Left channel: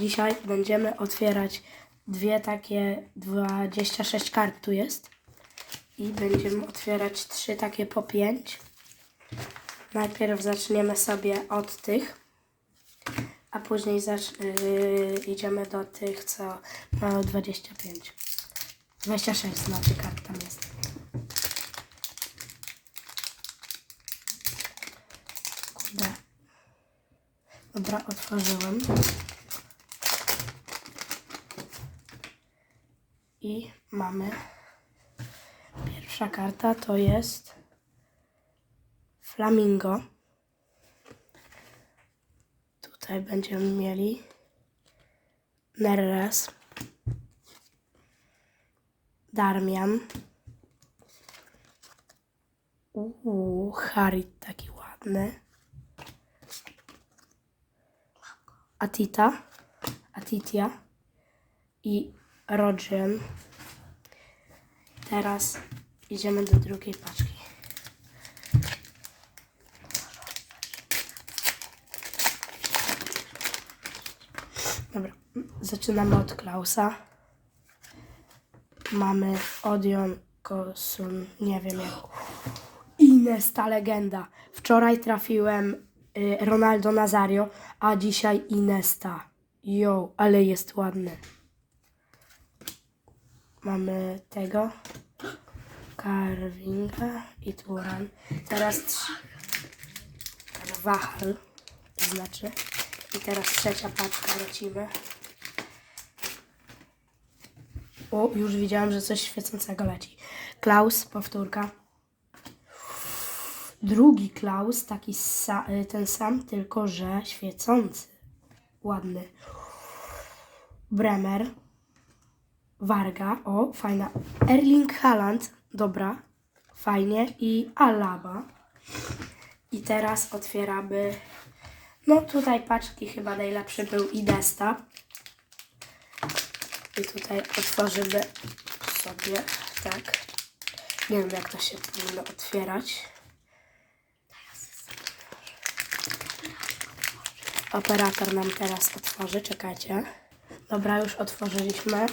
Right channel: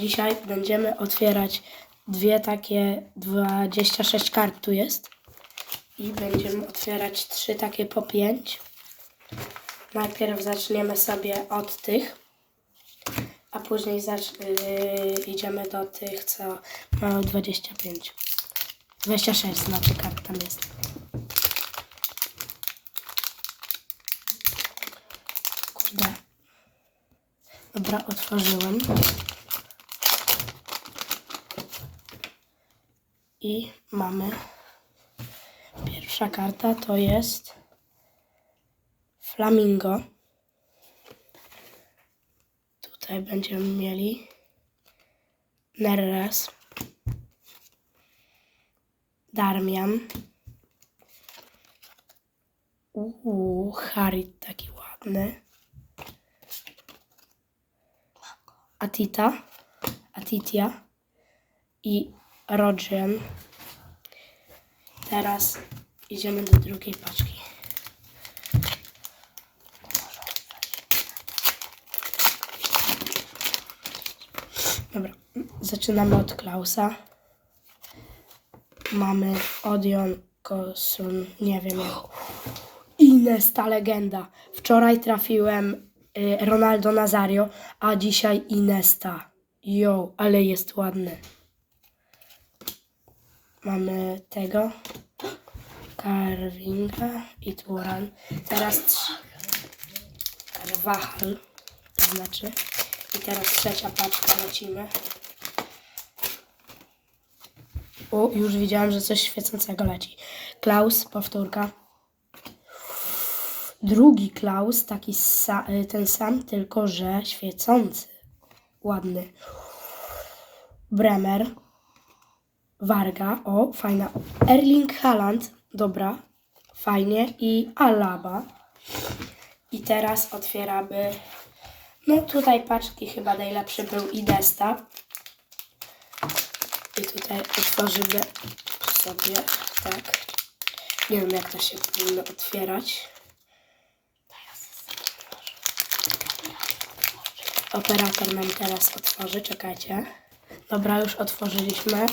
Dzisiaj będziemy otwierać dwie takie 26 kart tu jest. I będziemy otwierać trzy takie po 5. Najpierw zaczniemy sobie od tych, a później yy, idziemy do tych, co mają 25. 26 znaczy kart tam jest. Dobra, otworzyłem. I mamy pierwsza karta to jest Flamingo. Tutaj będziemy mieli Neres, Darmian. Uuu, Harit taki ładny. Atita, Atitia i Rodgen. Teraz idziemy do drugiej paczki. Dobra, zaczynamy od Klausa. Mamy Odion, Kosun, nie wiem jak. Ines, ta legenda. Wczoraj trafiłem y, Ronaldo Nazario, a dzisiaj Inesta. Jo, ale jest ładny. Mamy tego. Carvinga i Turan. Teraz Carvajal, to znaczy. I teraz trzecia paczka lecimy. O, już widziałam, że coś świecącego leci. Klaus, powtórka. Drugi Klaus, taki sa, y, ten sam, tylko że świecący. Ładny. Bremer. Warga, o, fajna. Erling Haaland, dobra, fajnie. I Alaba. I teraz otwieramy. No tutaj paczki chyba najlepszy był Idesta. I tutaj otworzymy sobie, tak. Nie wiem jak to się powinno otwierać. Operator nam teraz otworzy, czekajcie. Dobra, już otworzyliśmy.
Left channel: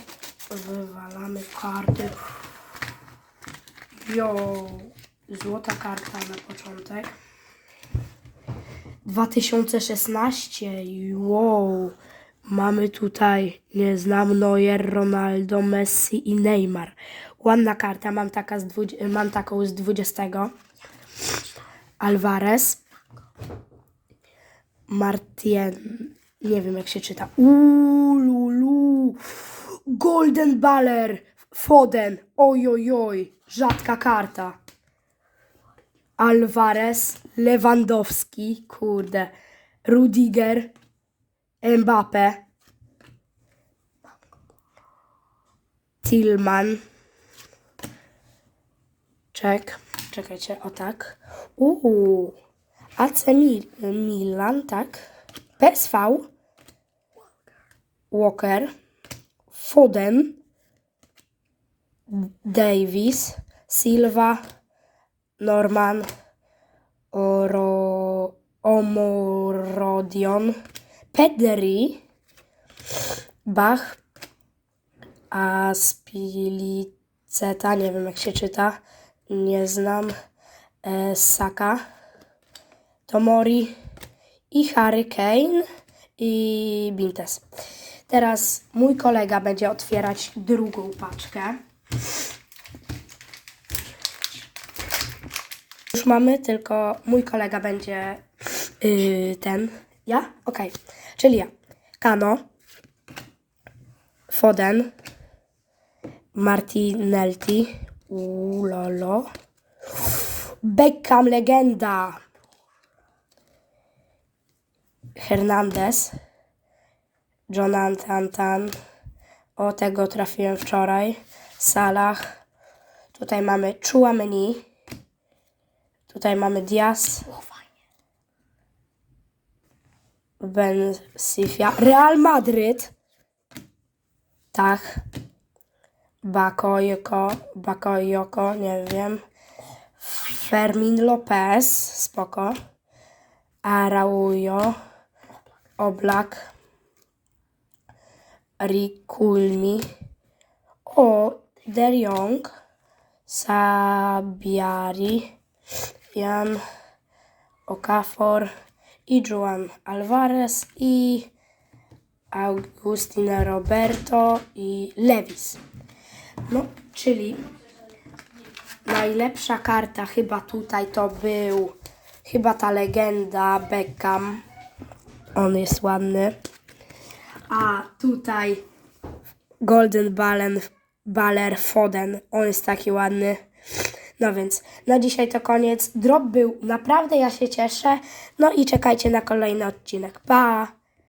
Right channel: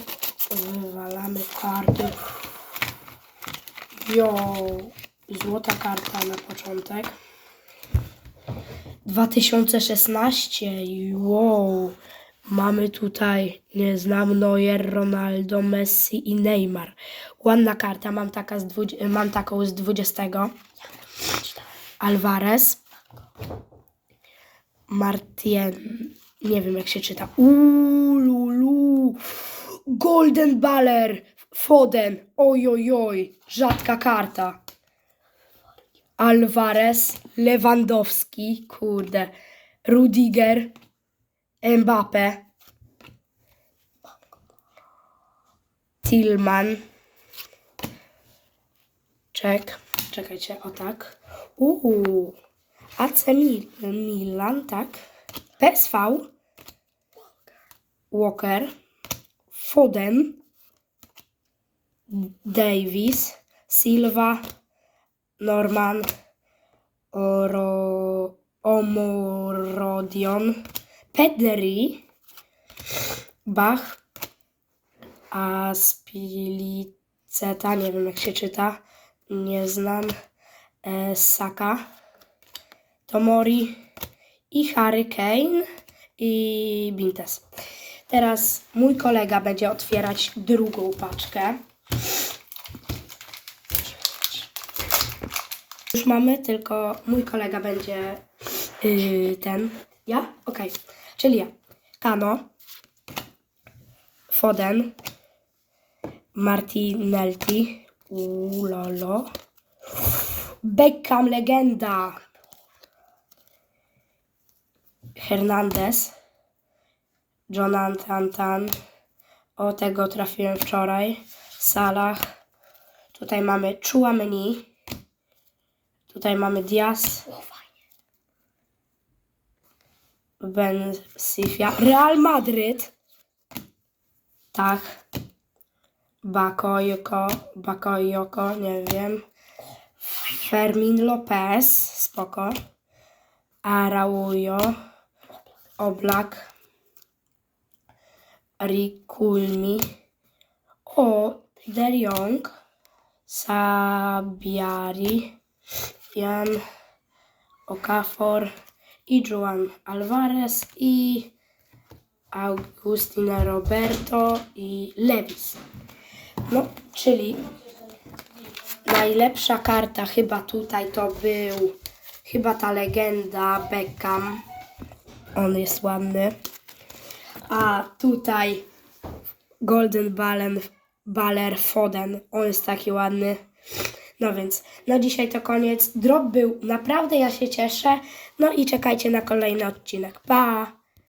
Wywalamy karty. Jo, złota karta na początek. 2016, wow. Mamy tutaj, nie znam, Neuer, Ronaldo, Messi i Neymar. Ładna karta, mam, taka z mam taką z 20. Alvarez. Martien, nie wiem jak się czyta. Ululu. Golden Baller. Foden. Oj, oj, oj. Rzadka karta. Alvarez. Lewandowski. Kurde. Rudiger. Mbappe. Tillman. Czek. Czekajcie, o tak. Uuu. AC Mil Milan, tak. PSV. Walker. Foden. Davis. Silva. Norman. Oro, Omorodion. Pedri. Bach. Aspiliceta, nie wiem jak się czyta. Nie znam. E, Saka. Tomori i Harry Kane i Bintes. Teraz mój kolega będzie otwierać drugą paczkę. Już mamy, tylko mój kolega będzie yy, ten. Ja? Okej. Czyli ja. Kano. Foden. Martinelli. Ulolo. Beckham legenda. Hernandez, Jonathan Tan, o tego trafiłem wczoraj, Salah, tutaj mamy Chouameni, tutaj mamy Diaz, Ben Sifia, Real Madryt, tak, Bakoyoko, Bakoyoko, nie wiem, Fermin Lopez, spoko, Araujo, Oblak, Rikulmi, o De Jong, Sabiari, Jan Okafor i Juan Alvarez i Agustina Roberto i Lewis. No, czyli najlepsza karta chyba tutaj to był chyba ta legenda Beckham. On jest ładny. A tutaj Golden Ballen, Baller Foden. On jest taki ładny. No więc na dzisiaj to koniec. Drop był naprawdę, ja się cieszę. No i czekajcie na kolejny odcinek. Pa!